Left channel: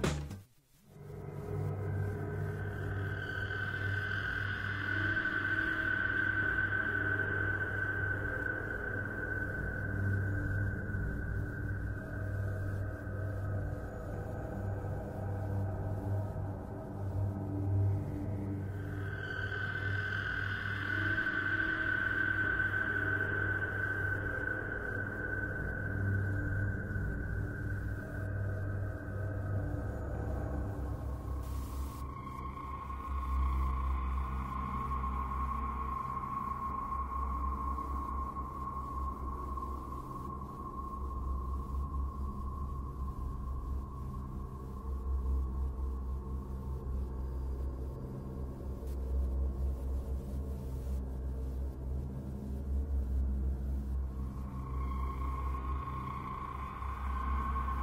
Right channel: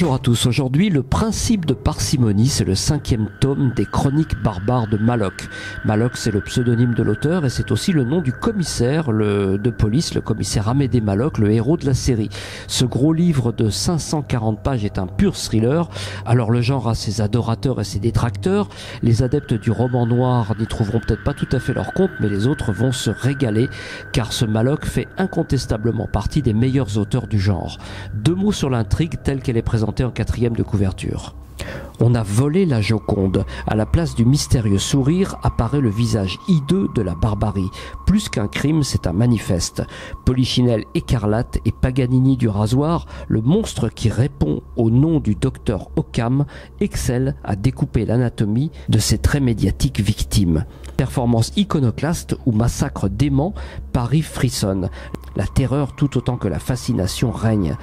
Bonjour à tous, aujourd'hui le principe de parcimonie, c'est le 5e tome des chroniques barbares de Maloc. Maloc, c'est le pseudonyme de l'auteur et c'est aussi le nom du commissaire de police, le commissaire Amédée Maloc, le héros de la série. Ce gros livre de 540 pages est un pur thriller. Alors le genre a ses adorateurs et ses détracteurs. Les adeptes du roman noir n'y trouveront peut-être pas tout à fait leur compte, mais les autres vont se régaler car ce Maloc fait incontestablement partie des meilleurs auteurs du genre. 2 mots sur l'intrigue telle qu'elle est présentée en 4e de couverture. On a volé la Joconde. À la place du mystérieux sourire apparaît le visage hideux de la barbarie. Plus qu'un crime, c'est un manifeste. Polichinelle écarlate et Paganini du rasoir, le monstre qui répond au nom du docteur Occam, excelle à découper l'anatomie de ses très médiatiques victimes. Performance iconoclaste ou massacre dément, Paris frissonne. La terreur tout autant que la fascination règne.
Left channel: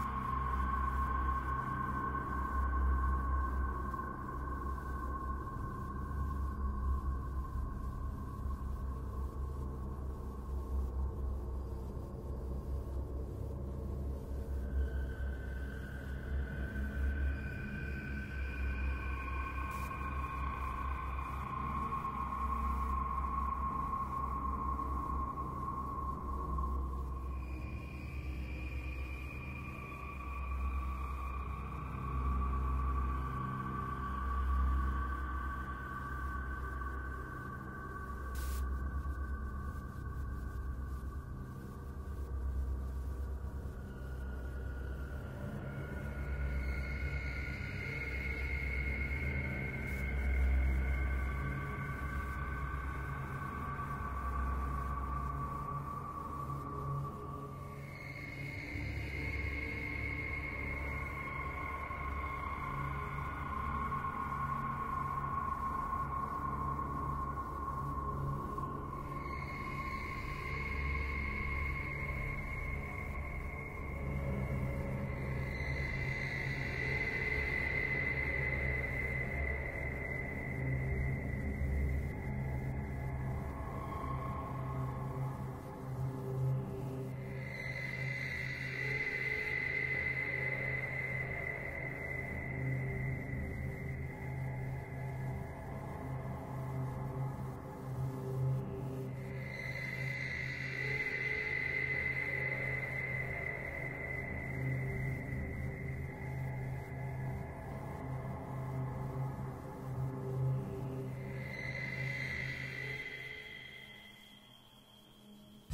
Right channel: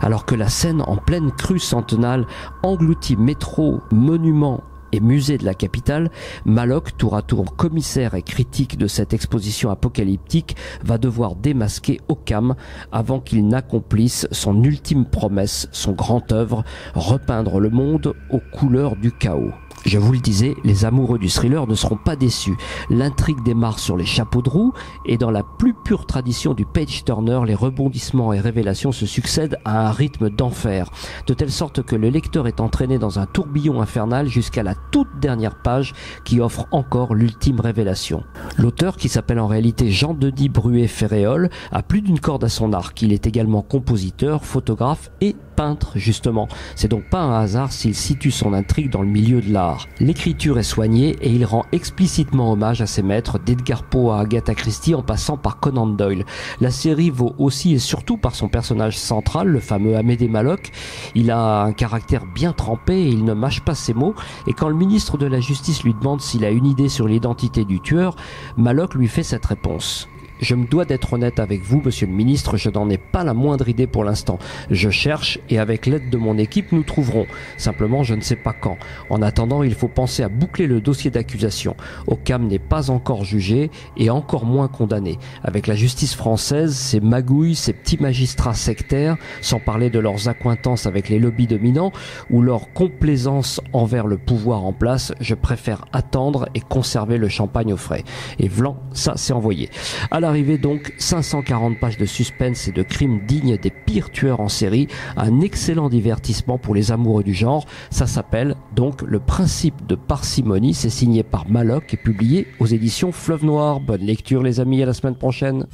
Alors que la scène en pleine crue centenale engloutit métro, monuments et musées de la capitale, Maloc, tour à tour commissaire et critique de cette exposition apocalyptique, va devoir démasquer Occam avant qu'il n'accomplisse son ultime promesse, son grand œuvre, repeindre le monde aux couleurs du chaos. Je vous le disais, les amoureux du thriller ne seront pas déçus. L'intrigue démarre sur les chapeaux de roue et dans la plus pure tradition du page-turner, les rebondissements et révélations se succèdent à un rythme d'enfer, de telle sorte que le lecteur est entraîné dans un tourbillon infernal jusqu'à la toute dernière page qui offre encore l'ultime révélation. L'auteur, qui s'appelle en réalité Jean-Denis Bruet-Ferréol, a plus d'une corde à son arc. Il est également compositeur, photographe et peintre justement. C'est donc pas un hasard s'il situe son intrigue dans le milieu de l'art. L'écriture est soignée et il rend explicitement hommage à ses maîtres, d'Edgar Poe à Agatha Christie en passant par Conan Doyle. La série vaut aussi et surtout par son personnage central, le fameux Amédée Maloc. Il a un caractère bien trempé et il ne mâche pas ses mots, et quand le ministre de la Justice lui demande s'il a une idée sur l'identité du tueur, Maloc lui fait cette réponse. Je me dois d'être honnête avec vous, monsieur le ministre, je n'en ai pas la moindre idée pour l'instant. Je cherche et avec l'aide de mon équipe, nous trouverons. Simplement, je ne sais pas quand. En attendant, il faut penser à boucler le dossier d'accusation. Occam n'est pas encore jugé et encore moins condamné. Avec la justice française, ses magouilles, ses petits magistrats sectaires, sans parler de leurs accointances avec les lobbies dominants ou leur complaisance envers le pouvoir en place, je préfère attendre et conserver le champagne au frais. Et vlan, ça c'est envoyé. À l'arrivée donc, 540 pages de suspense et de crimes dignes des pires tueurs en série, un excellent divertissement pour les amoureux du genre. Ça s'appelle donc Le principe de parcimonie, c'est signé par Maloc et publié aux éditions Fleuve Noir. Bonne lecture les amis, à la semaine prochaine.